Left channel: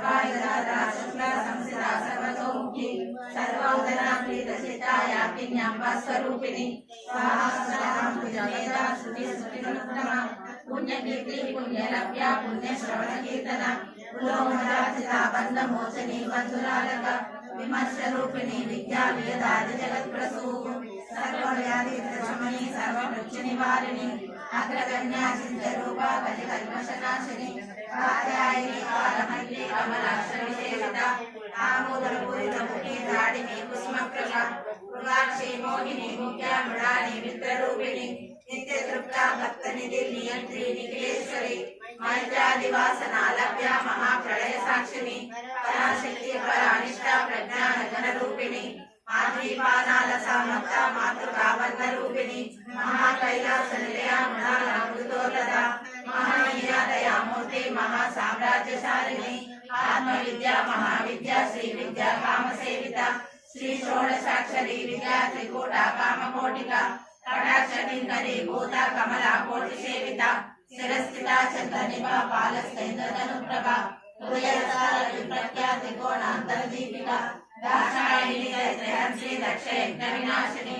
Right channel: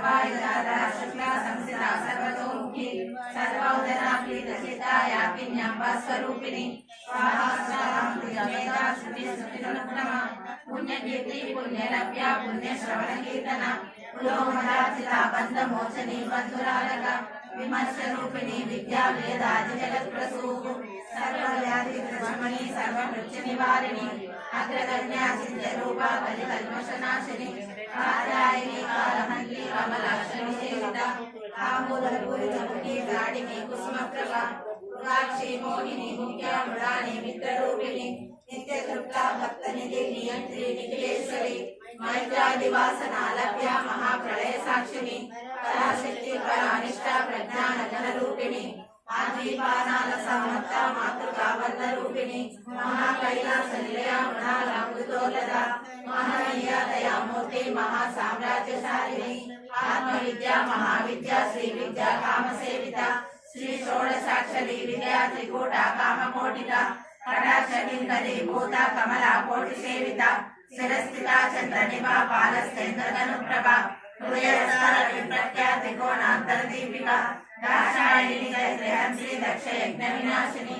सर्वायुधा शुक्ला संस्थिता सर्वतोमुखी सर्वोदना प्रीतचित्ता याकिन्याम्बा स्वरूपिणी स्वाहा स्वाहा भुजमेधा श्रुति स्मृतिनुत्तमा पुण्यकीर्ति पुण्यलभ्या पुण्यश्रवण कीर्तन पुलोमराजिता बन्धमोचनी बन्धुरालक विमर्शरूपिणी विद्या वेदादि जगत्प्रसूः सर्वव्याधि प्रशमनी सर्वमृत्यु निवारिणी अग्रगण्या सिद्धरूपा कलिकल्मषनाशिनी कात्यायनी कालहन्त्री कमलाक्षविसेविता आमूलपूरितमुखी दाडिनी कुसुमप्रभा मृगाक्षी मोहिनी मुख्या मृडानी मित्ररूपिणी नित्यतृप्ता भक्तनिधि नियंत्री निखिलेश्वरी मैत्रादिवासना लभ्या महाप्रलय साक्षिणी पराशक्ति परानिष्ठा प्रज्ञान घनरूपिणी आदीपानालसामत्ता मातृका वन्दरूपिणी महाकैलास निलया मृणाल अमृतोलता महानीया दयामूर्ति महासाम्राज्यशालिनी आत्मविद्या महाविद्या श्री विद्या कामसेविता श्री षोडशाक्षरी विद्या त्रिकूटा कामकोटिका कटाक्षनिंदरी भूता कमला कोटि सेविता शिरस्थिता चंद्रनिभा पालस्तेन्द्रधनुप्रभा हृदयसार विप्रख्या त्रिकोणांतरदीपिका दाक्षायिणी दैत्यहंसी दक्ष यज्ञ विनाशिनी